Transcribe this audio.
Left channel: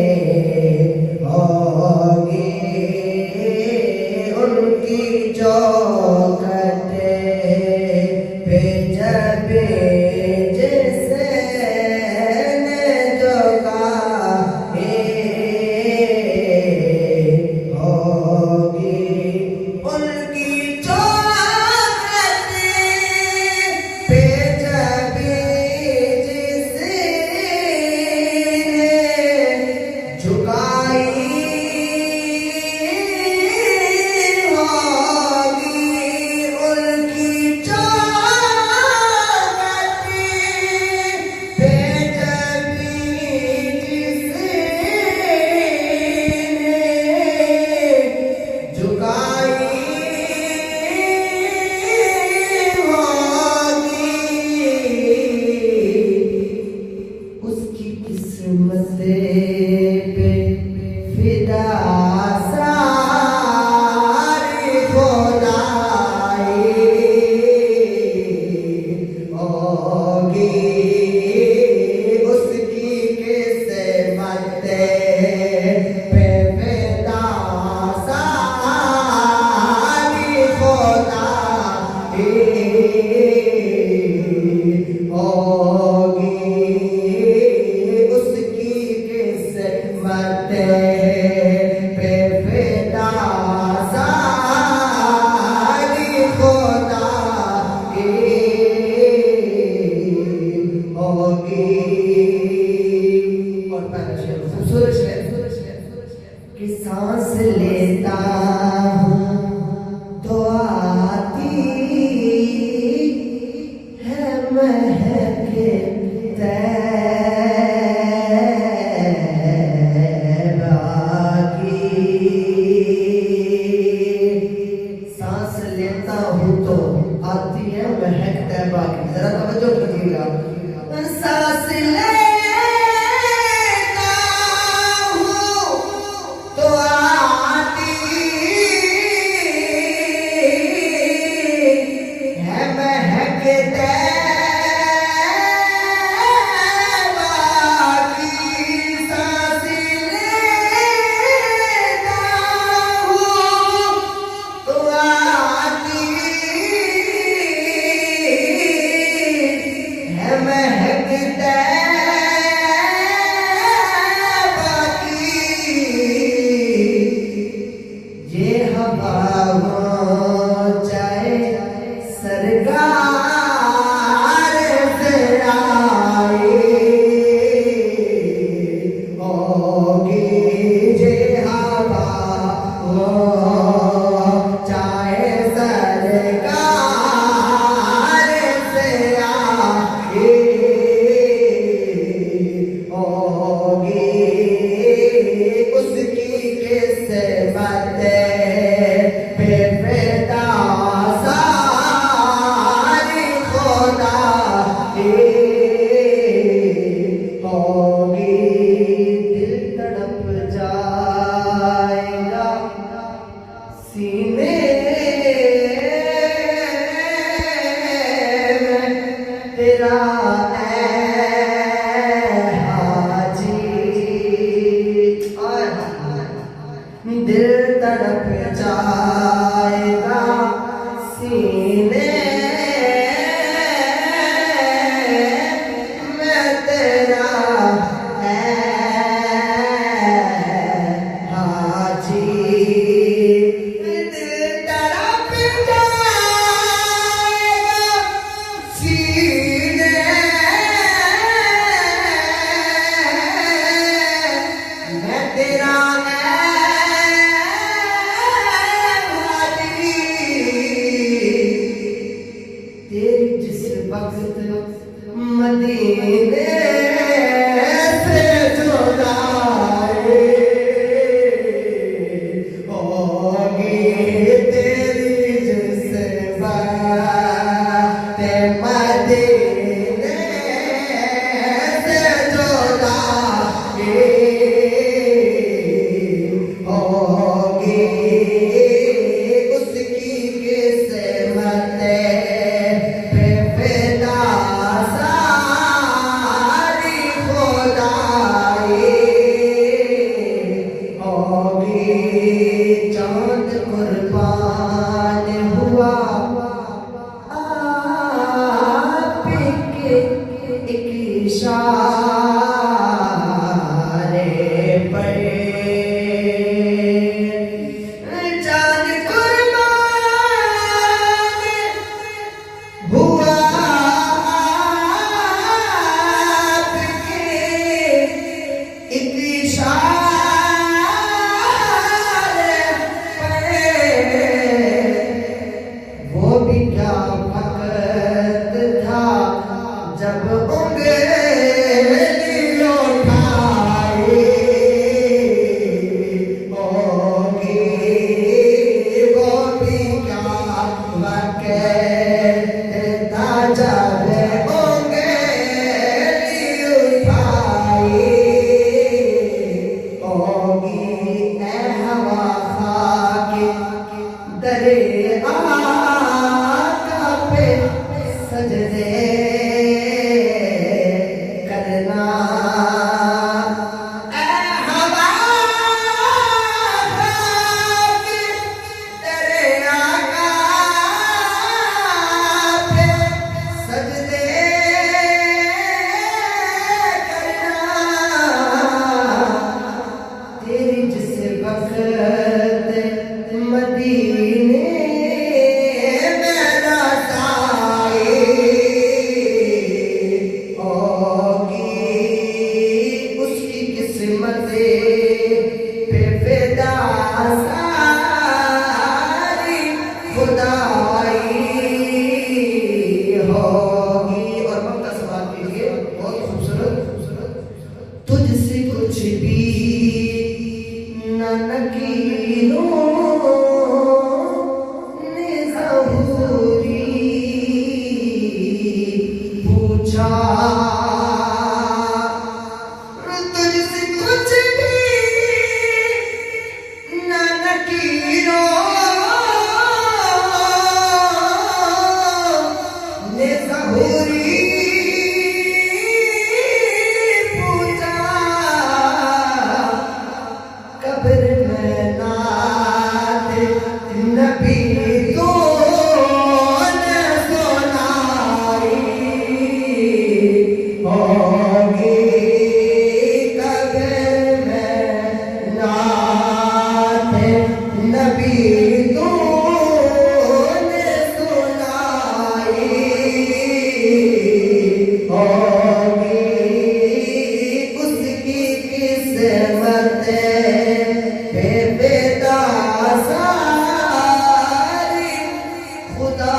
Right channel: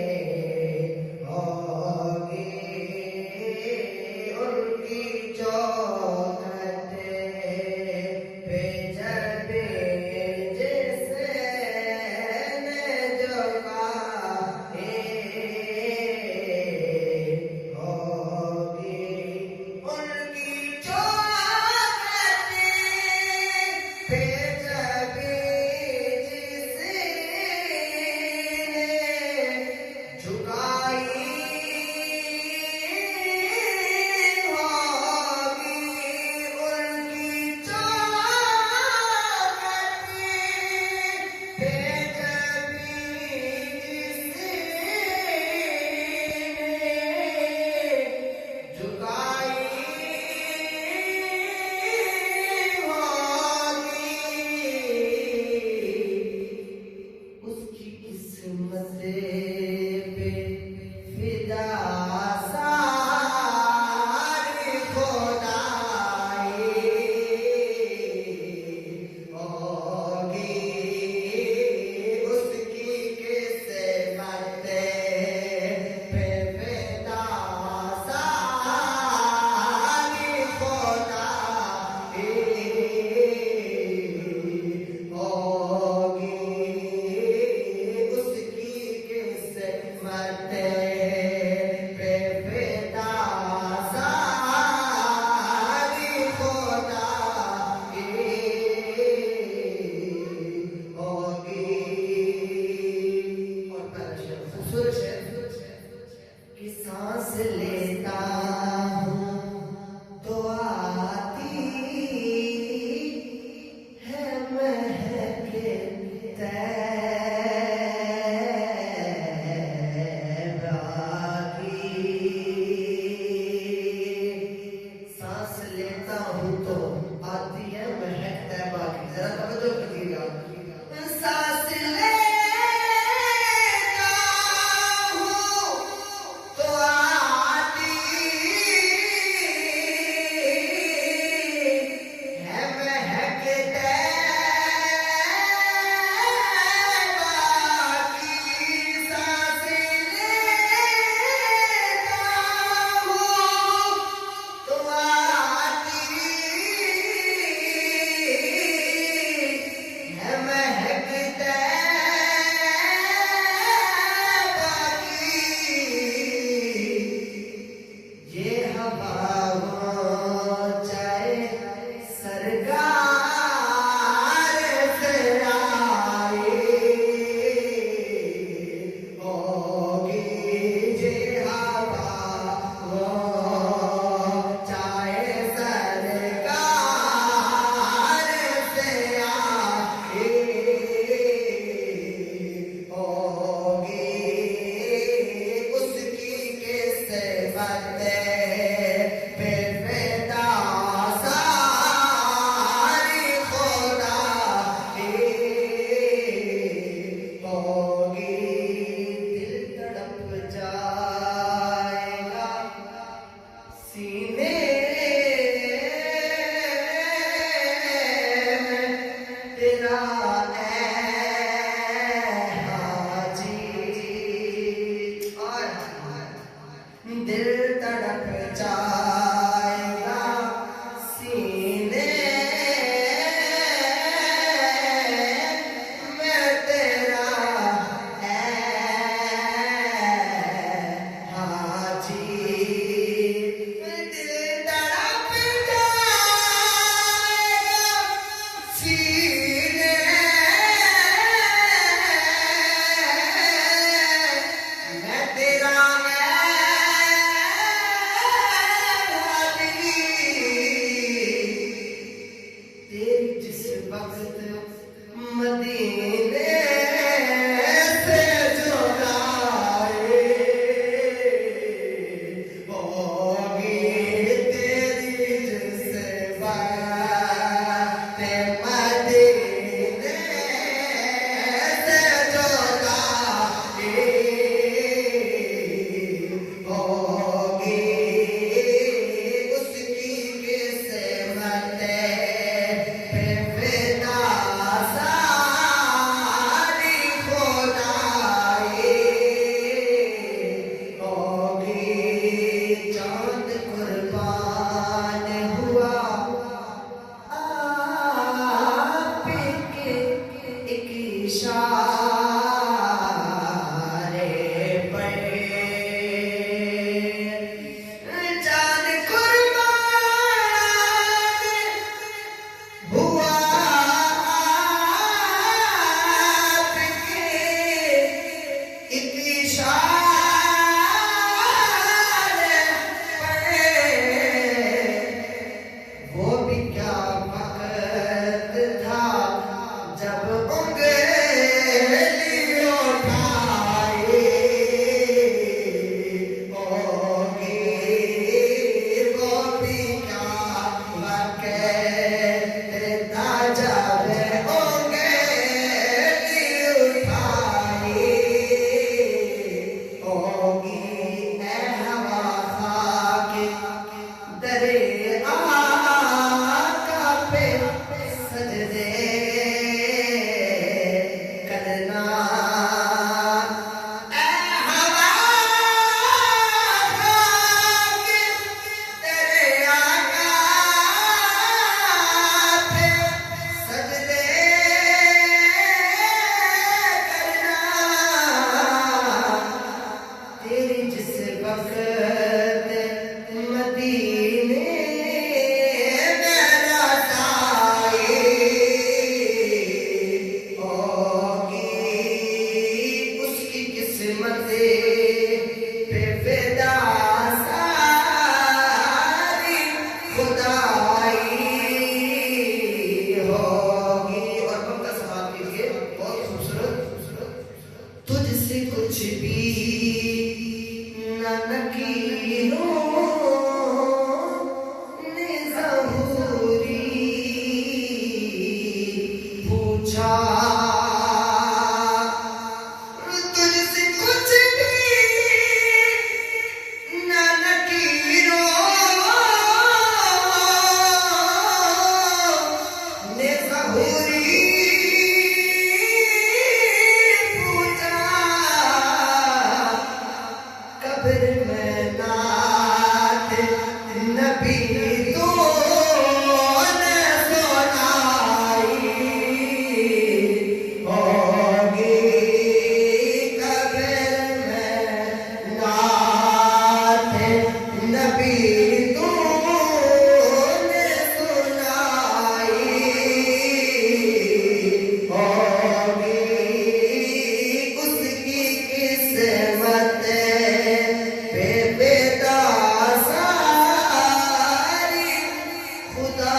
होगी उनकी चौखट पे जब जिसे जो गाहे होगी उनकी चौखट पे जब जिसे झुकाई होगी उनकी चौखट पे जब जिसने झुकाई होगी उसकी किस्मत पे फिदा सारी खुदाई होगी उसकी किस्मत पे फिदा सारी खुदाई होगी उसकी किस्मत पे फिदा सारी खुदाई होगी। और खूबसूरत है कि सांस लेता हूँ तो आती है महक तैबा की। सांस लेता हूँ तो आती है महक तैबा की। जरा तवज्जो कीजिएगा। सांस लेता हूँ तो आती बेफिदा सारी खुदाई होगी। और वक्त का सवाल कीजिए, बहुत खूबसूरत। तुझसे कुछ भी न नकीरों ने ज़हूरी पूछा। तुझसे कुछ भी न नकीरों ने ज़हूरी पूछा। कब्र में नात नबी तो न सुनाई होगी। कब्र में नात नबी तो न सुनाई होगी। उसकी किस्मत बेफिदा सारी खुदा